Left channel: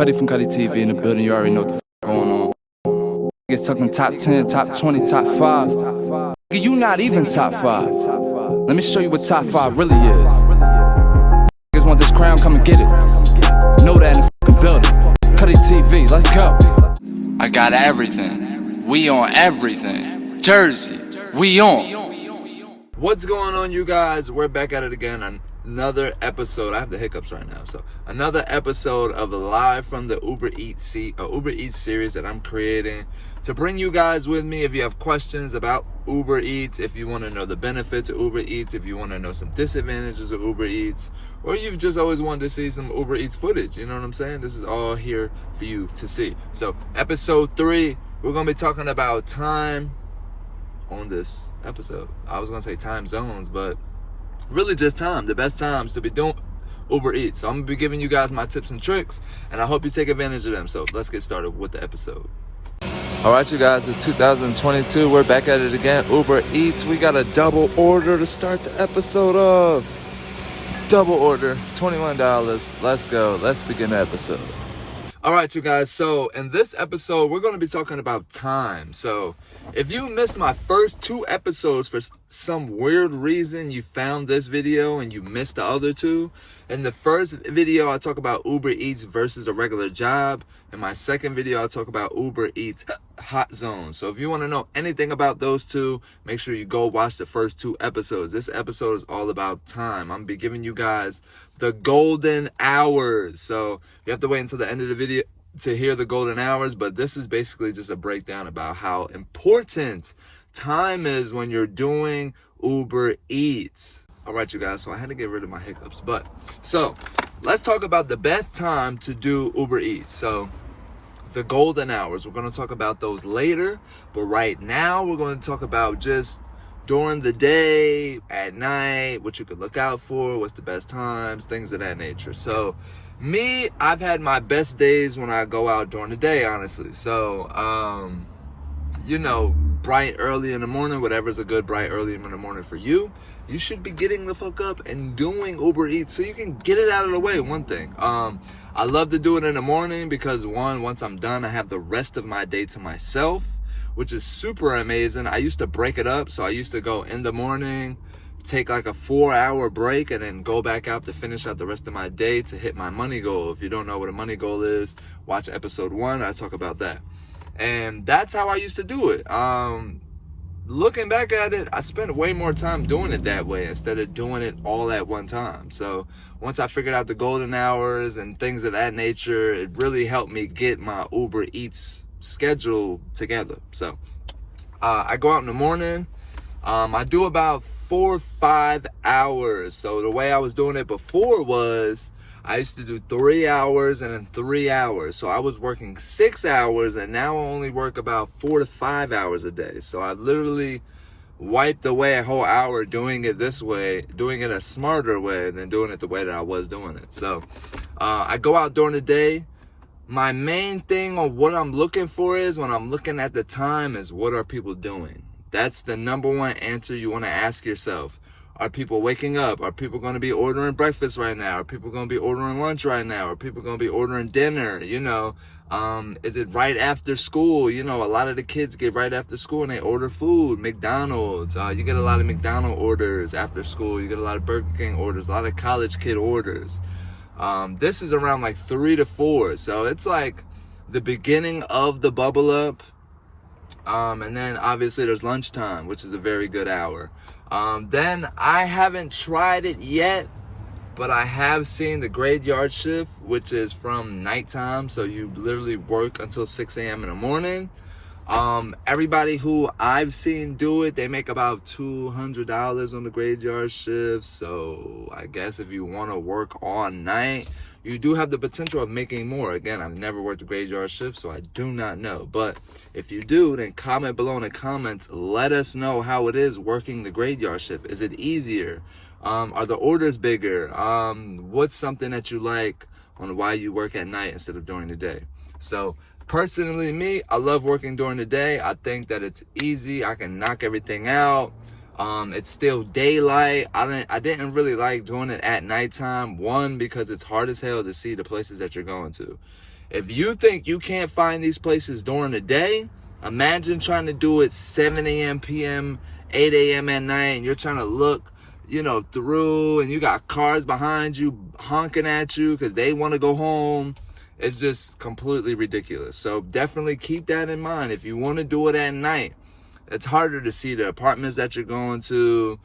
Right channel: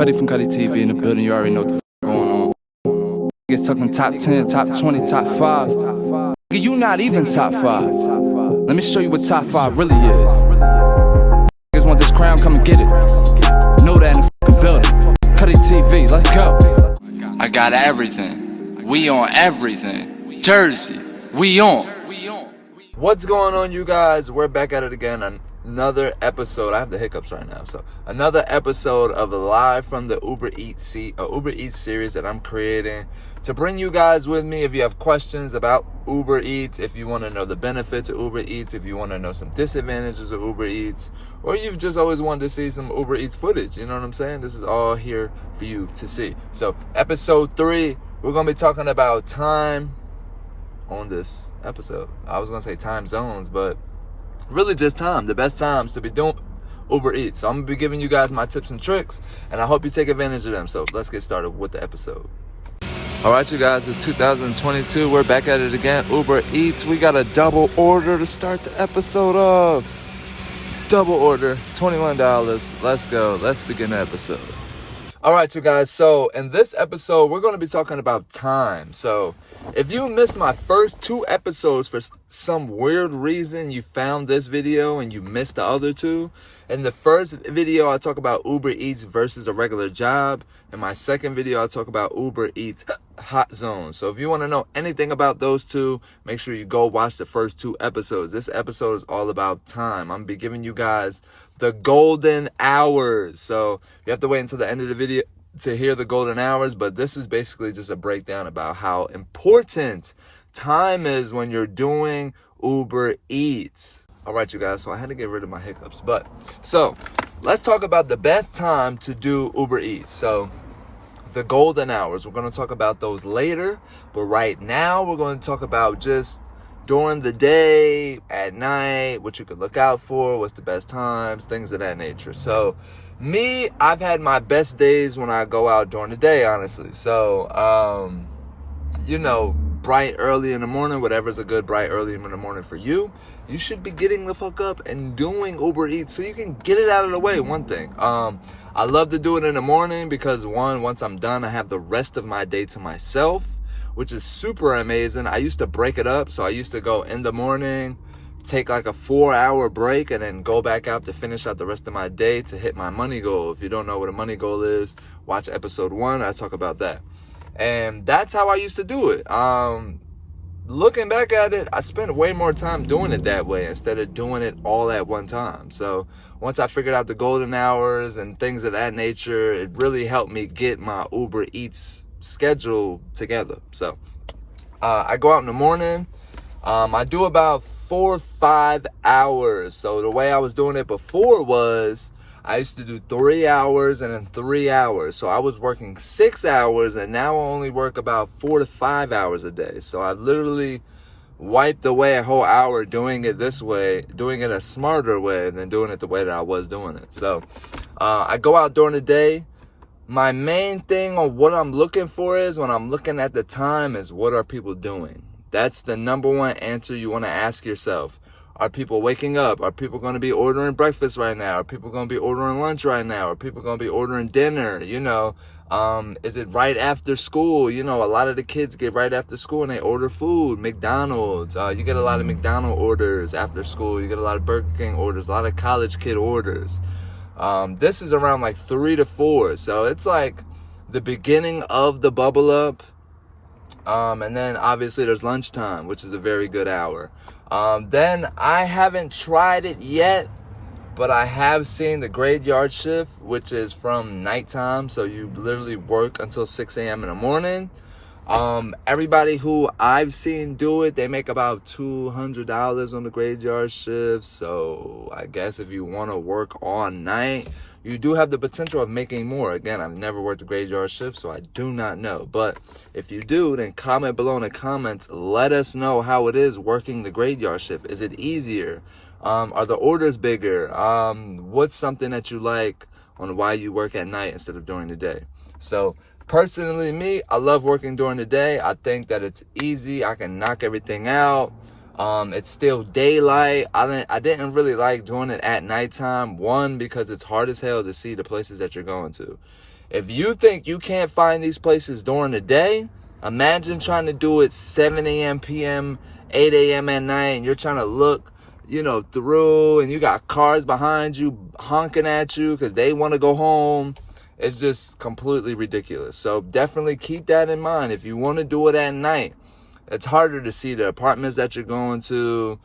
Cutty from Cutty TV in the building. You already know what the going on. Niggas talking top 10, top 20, top 5. Nigga, you not even top 5. Let me show you what top 5 really is. Niggas want this crown, come and get it. Know that in the fucking building. Cutty TV, let's go. I got everything. We on everything. Jersey, we on. What's going on, you guys? We're back at it again. Another episode. I have the hiccups right now. So another episode of live from the Ubereats series that I'm creating to bring you guys with me. If you have questions about Uber Eats, if you want to know the benefits of Uber Eats, if you want to know some disadvantages of Uber Eats, or you've just always wanted to see some Uber Eats footage, you know what I'm saying? This is all here for you to see. So episode 3, we're going to be talking about time on this episode. I was going to say time zones, but really just time, the best times to be doing Uber Eats. So I'm going to be giving you guys my tips and tricks, and I hope you take advantage of them. So let's get started with the episode. All right, you guys, it's 2022. We're back at it again. Uber Eats. We got a double order to start the episode of. Double order, $21. Let's go. Let's begin the episode. All right, you guys. So in this episode, we're going to be talking about time. So if you missed my first 2 episodes for some weird reason, you found this video and you missed the other 2. In the first video, I talk about Uber Eats versus a regular job. In my second video, I'll talk about Uber Eats hot zones. So if you want to know anything about those 2, make sure you go watch the first 2 episodes. This episode is all about time. I'm going to be giving you guys the golden hours. So you have to wait until the end of the video to hear the golden hours, but this is basically just a breakdown about how important time is when you're doing Uber Eats. All right, you guys, so I had to get rid of my hiccups, but so let's talk about the best time to do Uber Eats. So the golden hours, we're going to talk about those later, but right now we're going to talk about just during the day, at night, what you could look out for, what's the best times, things of that nature. So me, I've had my best days when I go out during the day, honestly. So, you know, bright early in the morning, whatever's a good bright early in the morning for you, you should be getting the fuck up and doing Uber Eats so you can get it out of the way, one thing. I love to do it in the morning because once I'm done, I have the rest of my day to myself, which is super amazing. I used to break it up. So I used to go in the morning, take like a 4-hour break, and then go back out to finish out the rest of my day to hit my money goal. If you don't know what a money goal is, watch episode 1. I talk about that. And that's how I used to do it. Looking back at it, I spent way more time doing it that way instead of doing it all at one time. So once I figured out the golden hours and things of that nature, it really helped me get my Uber Eats schedule together. So I go out in the morning. I do about 4 or 5 hours. So the way I was doing it before was I used to do 3 hours and then 3 hours. So I was working 6 hours, and now I only work about 4 to 5 hours a day. So I literally wiped away a whole hour doing it this way, doing it a smarter way than doing it the way that I was doing it. So I go out during the day. My main thing on what I'm looking for is, when I'm looking at the time, is what are people doing? That's the number one answer you want to ask yourself. Are people waking up? Are people going to be ordering breakfast right now? Are people going to be ordering lunch right now? Are people going to be ordering dinner? You know, is it right after school? You know, a lot of the kids get right after school and they order food. McDonald's. You get a lot of McDonald's orders after school. You get a lot of Burger King orders, a lot of college kid orders. This is around like 3 to 4. So it's like the beginning of the bubble up. And then obviously there's lunchtime, which is a very good hour. Then I haven't tried it yet, but I have seen the graveyard shift, which is from nighttime. So you literally work until 6 a.m. in the morning. Everybody who I've seen do it, they make about $200 on the graveyard shift. So I guess if you want to work all night, you do have the potential of making more. Again, I've never worked a graveyard shift, so I do not know. But if you do, then comment below in the comments. Let us know how it is working the graveyard shift. Is it easier? Are the orders bigger? What's something that you like on why you work at night instead of during the day? So personally, me, I love working during the day. I think that it's easy. I can knock everything out. It's still daylight. I didn't really like doing it at nighttime. One, because it's hard as hell to see the places that you're going to. If you think you can't find these places during the day, imagine trying to do it 7 a.m., p.m., 8 a.m. at night, and you're trying to look, through, and you got cars behind you honking at you because they want to go home. It's just completely ridiculous. So definitely keep that in mind. If you want to do it at night, it's harder to see the apartments that you're going to.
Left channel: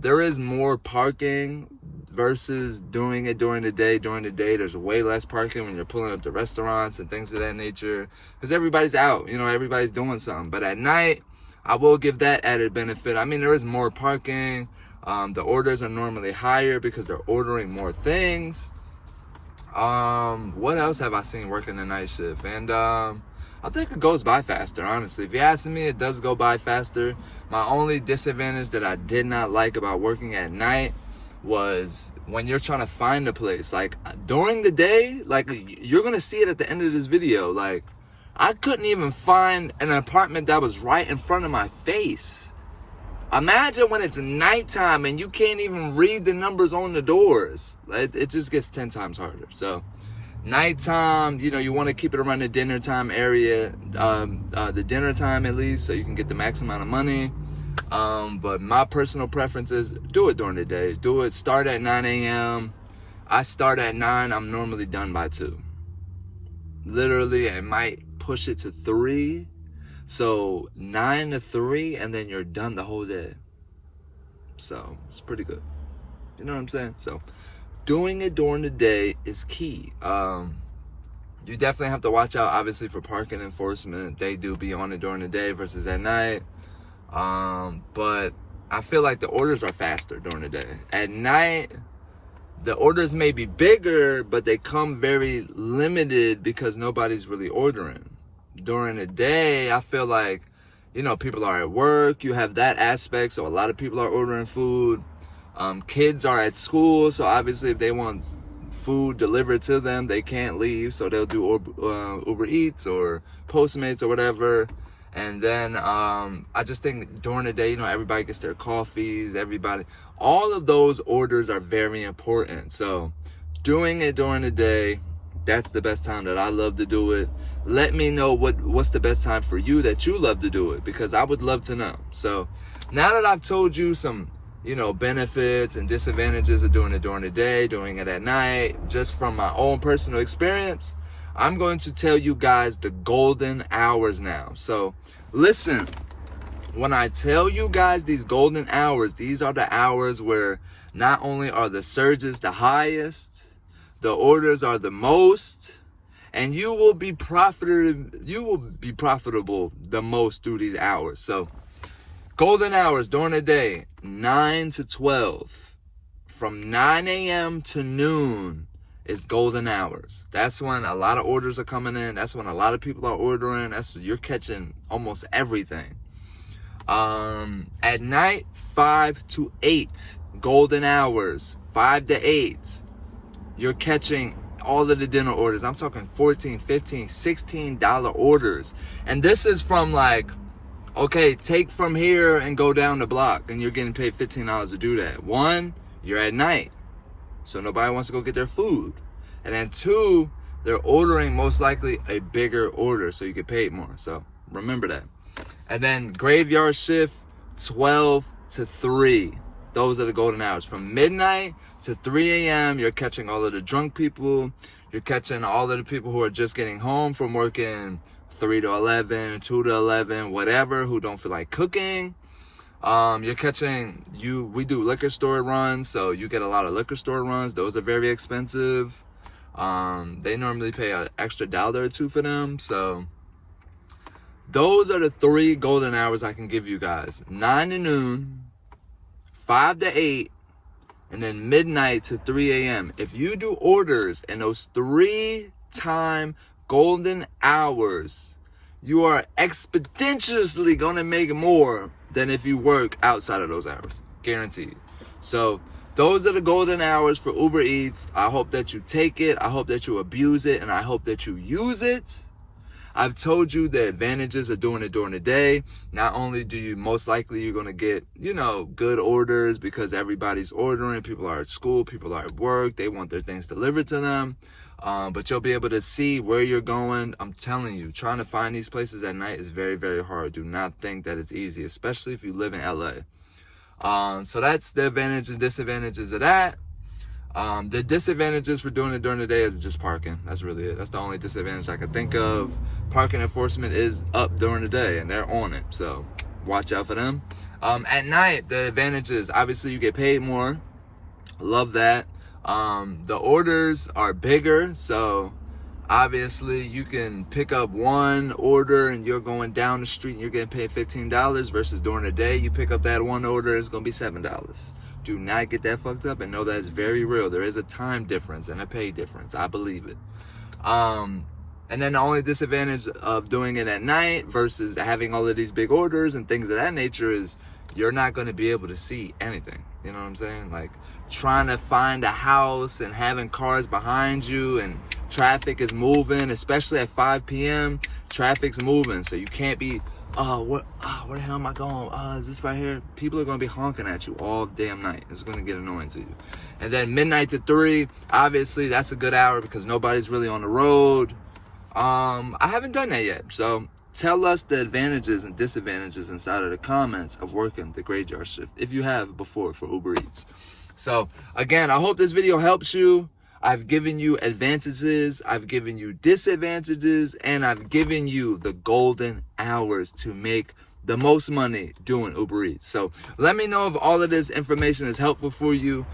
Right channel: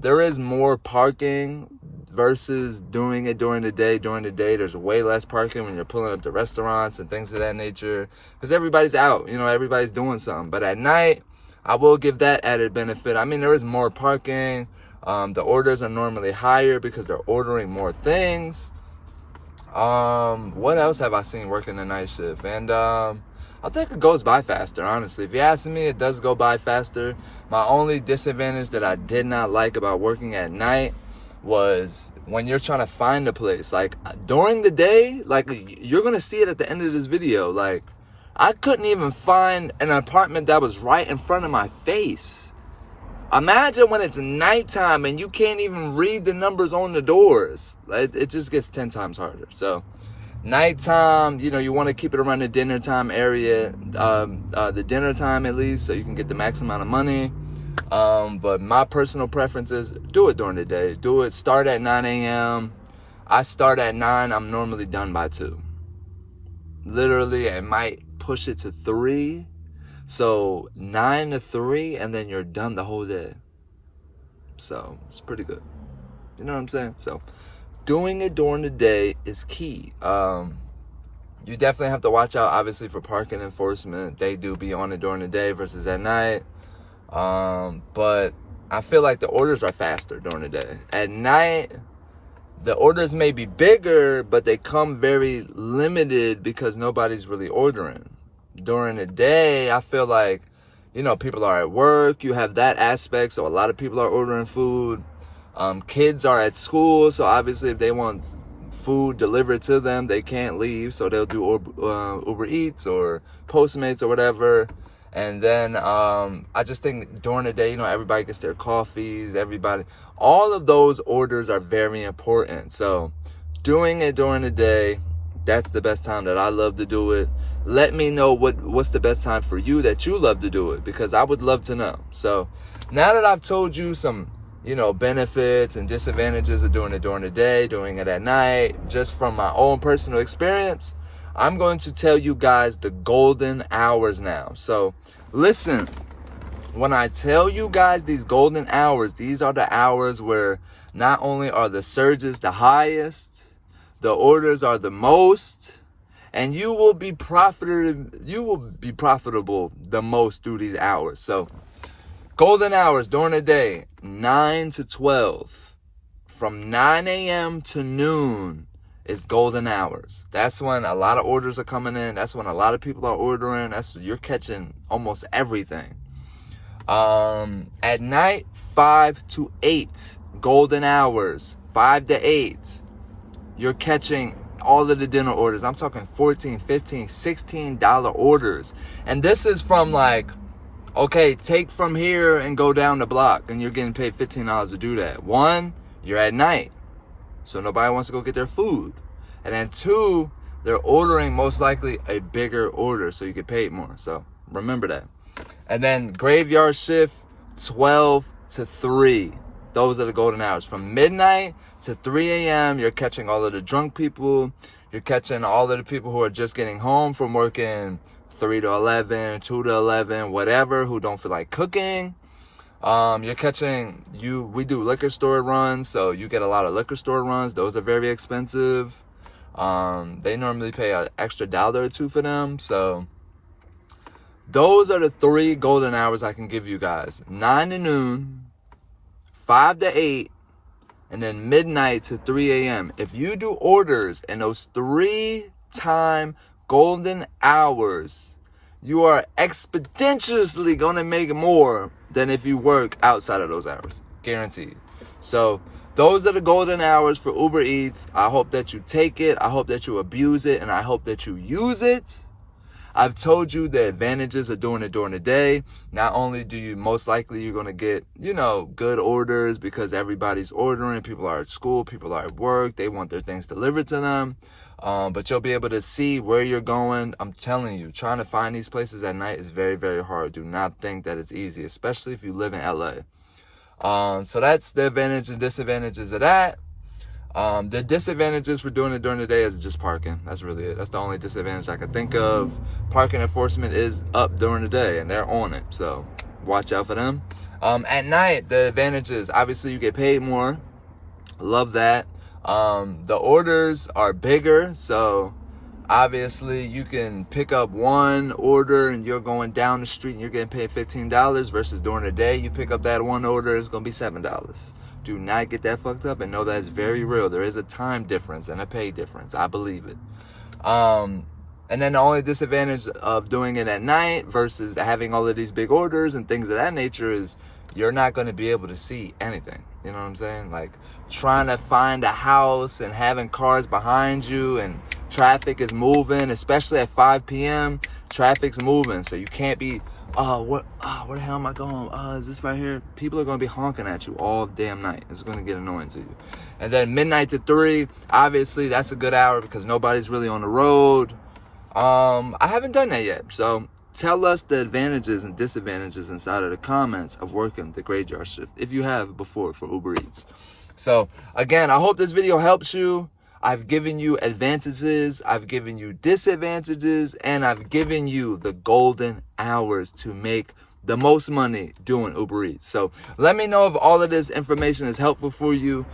There is more parking versus doing it during the day. During the day, there's way less parking when you're pulling up to restaurants and things of that nature because everybody's out, everybody's doing something. But at night, I will give that added benefit. I mean, there is more parking. The orders are normally higher because they're ordering more things. What else have I seen working the night shift? And I think it goes by faster, honestly. If you ask me, it does go by faster. My only disadvantage that I did not like about working at night was when you're trying to find a place. Like, during the day, like, you're going to see it at the end of this video. Like, I couldn't even find an apartment that was right in front of my face. Imagine when it's nighttime and you can't even read the numbers on the doors. It just gets 10 times harder. So nighttime, you want to keep it around the dinner time area, the dinner time at least, so you can get the max amount of money. But my personal preference is do it during the day. Do it, start at 9 a.m. I start at 9, I'm normally done by 2. Literally, I might push it to 3. So 9 to 3, and then you're done the whole day. So it's pretty good. You know what I'm saying? So doing it during the day is key. You definitely have to watch out, obviously, for parking enforcement. They do be on it during the day versus at night. But I feel like the orders are faster during the day. At night, the orders may be bigger, but they come very limited because nobody's really ordering. During the day, I feel like, people are at work. You have that aspect, so a lot of people are ordering food. Kids are at school, so obviously if they want food delivered to them, they can't leave, so they'll do Ubereats or Postmates or whatever. And then I just think during the day, everybody gets their coffees, all of those orders are very important. So doing it during the day, that's the best time that I love to do it. Let me know what's the best time for you that you love to do it, because I would love to know. So now that I've told you some, benefits and disadvantages of doing it during the day, doing it at night, just from my own personal experience, I'm going to tell you guys the golden hours now. So listen, when I tell you guys these golden hours, these are the hours where not only are the surges the highest, the orders are the most, and you will be profitable the most through these hours. So golden hours during the day, 9 to 12. From 9 a.m. to noon is golden hours. That's when a lot of orders are coming in. That's when a lot of people are ordering. You're catching almost everything. At night, 5 to 8, golden hours. 5 to 8, you're catching all of the dinner orders. I'm talking $14, $15, $16 orders. And this is from okay, take from here and go down the block, and you're getting paid $15 to do that. 1, you're at night, so nobody wants to go get their food. And then 2, they're ordering most likely a bigger order, so you get paid more. So remember that. And then graveyard shift, 12 to 3. Those are the golden hours. From midnight to 3 a.m., you're catching all of the drunk people. You're catching all of the people who are just getting home from working 3 to 11, 2 to 11, whatever, who don't feel like cooking. You're catching, we do liquor store runs, so you get a lot of liquor store runs. Those are very expensive. They normally pay an extra $1 or $2 for them. So those are the 3 golden hours I can give you guys. 9 to noon, 5 to 8, and then midnight to 3 a.m. If you do orders in those 3-time golden hours, you are exponentially going to make more than if you work outside of those hours. Guaranteed. So those are the golden hours for Uber Eats. I hope that you take it. I hope that you abuse it. And I hope that you use it. I've told you the advantages of doing it during the day. Not only do you most likely you're going to get, good orders because everybody's ordering. People are at school. People are at work. They want their things delivered to them. But you'll be able to see where you're going. I'm telling you, trying to find these places at night is very, very hard. Do not think that it's easy, especially if you live in LA. So that's the advantages and disadvantages of that. The disadvantages for doing it during the day is just parking. That's really it. That's the only disadvantage I could think of. Parking enforcement is up during the day and they're on it, so watch out for them. At night, the advantages, obviously you get paid more. Love that. The orders are bigger, so obviously you can pick up one order and you're going down the street and you're getting paid $15 versus during the day you pick up that one order, it's gonna be $7. Do not get that fucked up and know that it's very real. There is a time difference and a pay difference. I believe it. And then the only disadvantage of doing it at night versus having all of these big orders and things of that nature is you're not going to be able to see anything. You know what I'm saying? Like trying to find a house and having cars behind you and traffic is moving, especially at 5 p.m. Traffic's moving, so you can't be, where the hell am I going? Is this right here? People are going to be honking at you all damn night. It's going to get annoying to you. And then midnight to 3, obviously that's a good hour because nobody's really on the road. I haven't done that yet, so tell us the advantages and disadvantages inside of the comments of working the graveyard shift if you have before for Uber Eats. So again, I hope this video helps you. I've given you advantages, I've given you disadvantages, and I've given you the golden hours to make the most money doing Uber Eats. So let me know if all of this information is helpful for you.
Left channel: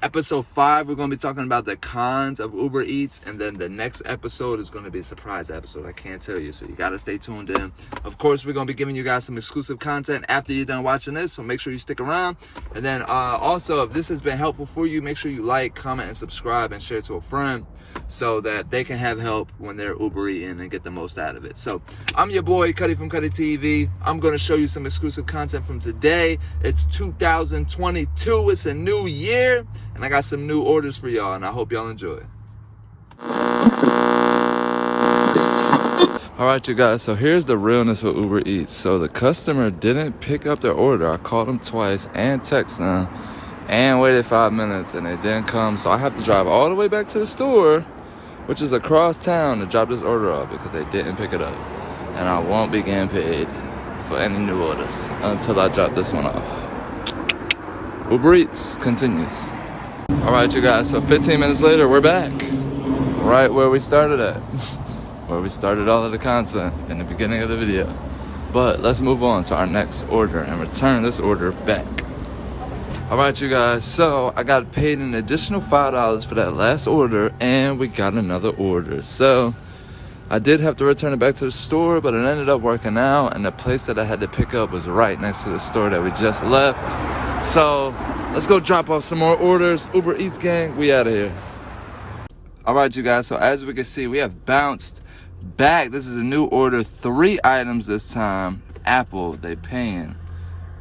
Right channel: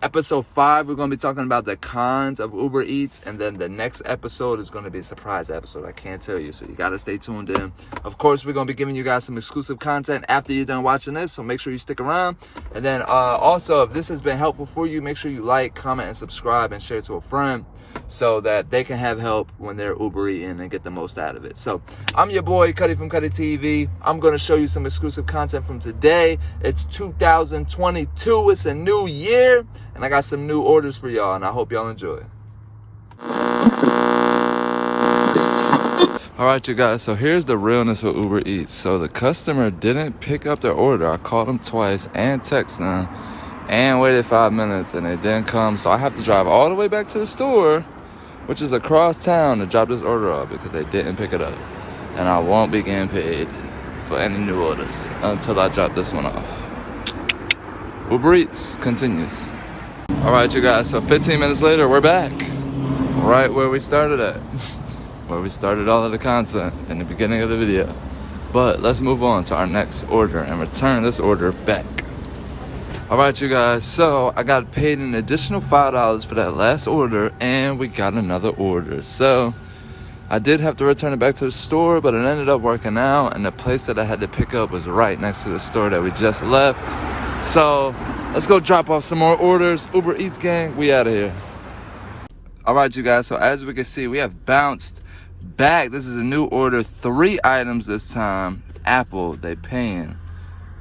Episode 5, we're going to be talking about the cons of Uber Eats, and then the next episode is going to be a surprise episode. I can't tell you, so you got to stay tuned in. Of course, we're going to be giving you guys some exclusive content after you're done watching this, so make sure you stick around. And then also, if this has been helpful for you, make sure you like, comment, and subscribe, and share it to a friend so that they can have help when they're Uber eating and get the most out of it. So I'm your boy Cutty from Cutty TV. I'm going to show you some exclusive content from today. It's 2022. It's a new year, and I got some new orders for y'all, and I hope y'all enjoy. All right, you guys, so here's the realness of Uber Eats. So the customer didn't pick up their order. I called them twice and texted them and waited 5 minutes, and they didn't come. So I have to drive all the way back to the store, which is across town, to drop this order off because they didn't pick it up. And I won't be getting paid for any new orders until I drop this one off. Uber Eats continues. All right, you guys, so 15 minutes later, we're back. Right where we started at. Where we started all of the content in the beginning of the video. But let's move on to our next order and return this order back. All right, you guys, so I got paid an additional $5 for that last order, and we got another order. So I did have to return it back to the store, but it ended up working out, and the place that I had to pick up was right next to the store that we just left. So let's go drop off some more orders. Uber Eats gang, we out of here. All right, you guys, so as we can see, we have bounced back. This is a new order, 3 items this time. Apple, they paying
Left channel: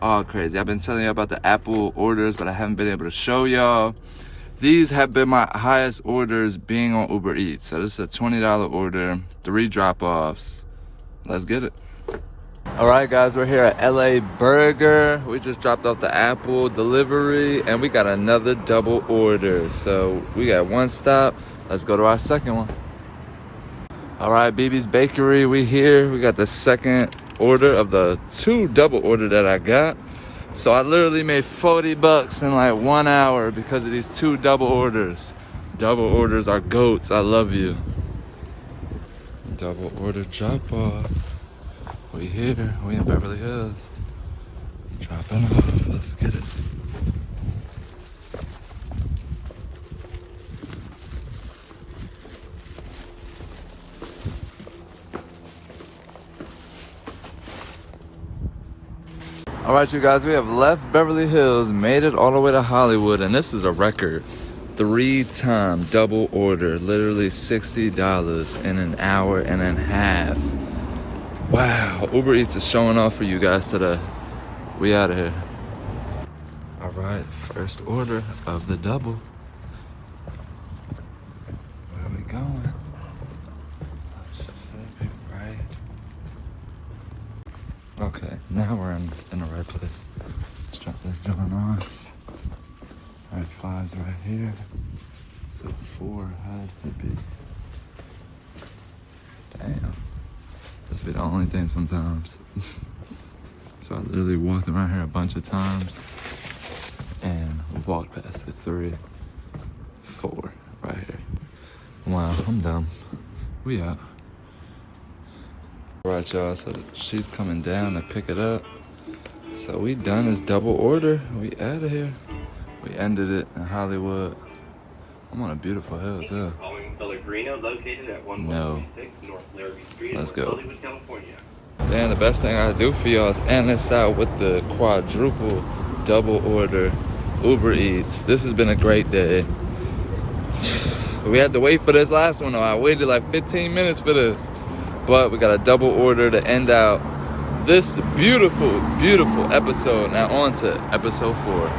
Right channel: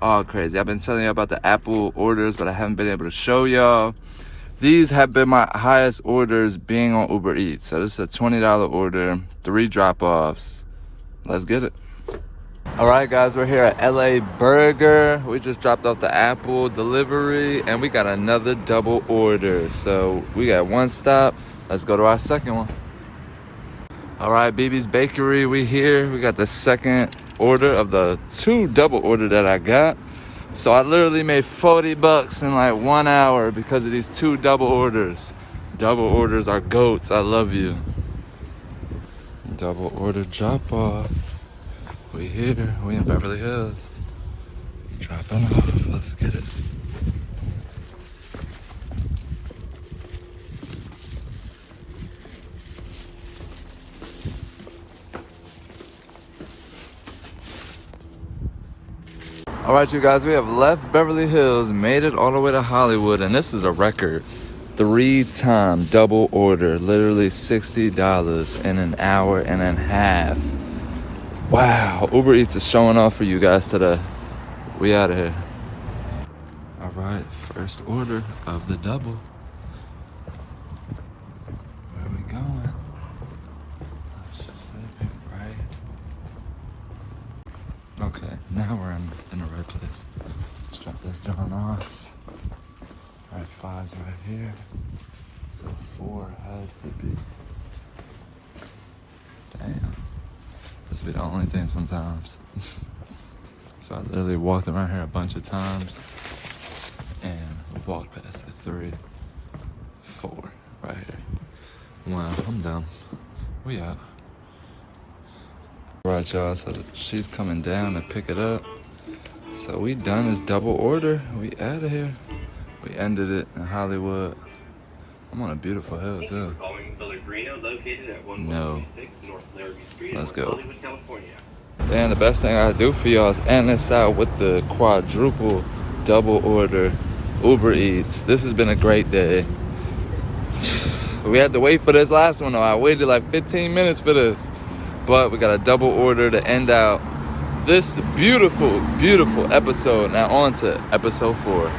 all crazy. I've been telling you about the Apple orders, but I haven't been able to show y'all. These have been my highest orders being on Uber Eats. So this is a $20 order, 3 drop-offs. Let's get it. All right, guys, we're here at LA Burger. We just dropped off the Apple delivery, and we got another double order. So we got 1 stop. Let's go to our second one. All right, BB's Bakery, we here. We got the second order of the 2 double order that I got. So I literally made $40 in like 1 hour because of these 2 double orders. Double orders are goats. I love you. Double order drop off. We here. We in Beverly Hills. Dropping off. Let's get it. All right, you guys, we have left Beverly Hills, made it all the way to Hollywood, and this is a record. 3-time double order, literally $60 in an hour and a half. Wow, Uber Eats is showing off for you guys today. We out of here. All right, first order of the double. Where we going? Right. Okay, now we're in the right place. Let's drop this joint off. Right, 5's right here. So 4 has to be. Damn. This be the only thing sometimes. So I literally walked around here a bunch of times and walked past the 3, 4 right here. Wow, I'm done. We out. Right, y'all, so she's coming down to pick it up. So we done this double order. We out of here. We ended it in Hollywood. I'm on a beautiful hill too. No. Let's go. Man, the best thing I do for y'all is end this out with the quadruple double order Uber Eats. This has been a great day. We had to wait for this last one though. I waited like 15 minutes for this. But we got a double order to end out this beautiful, beautiful episode. Now on to episode 4.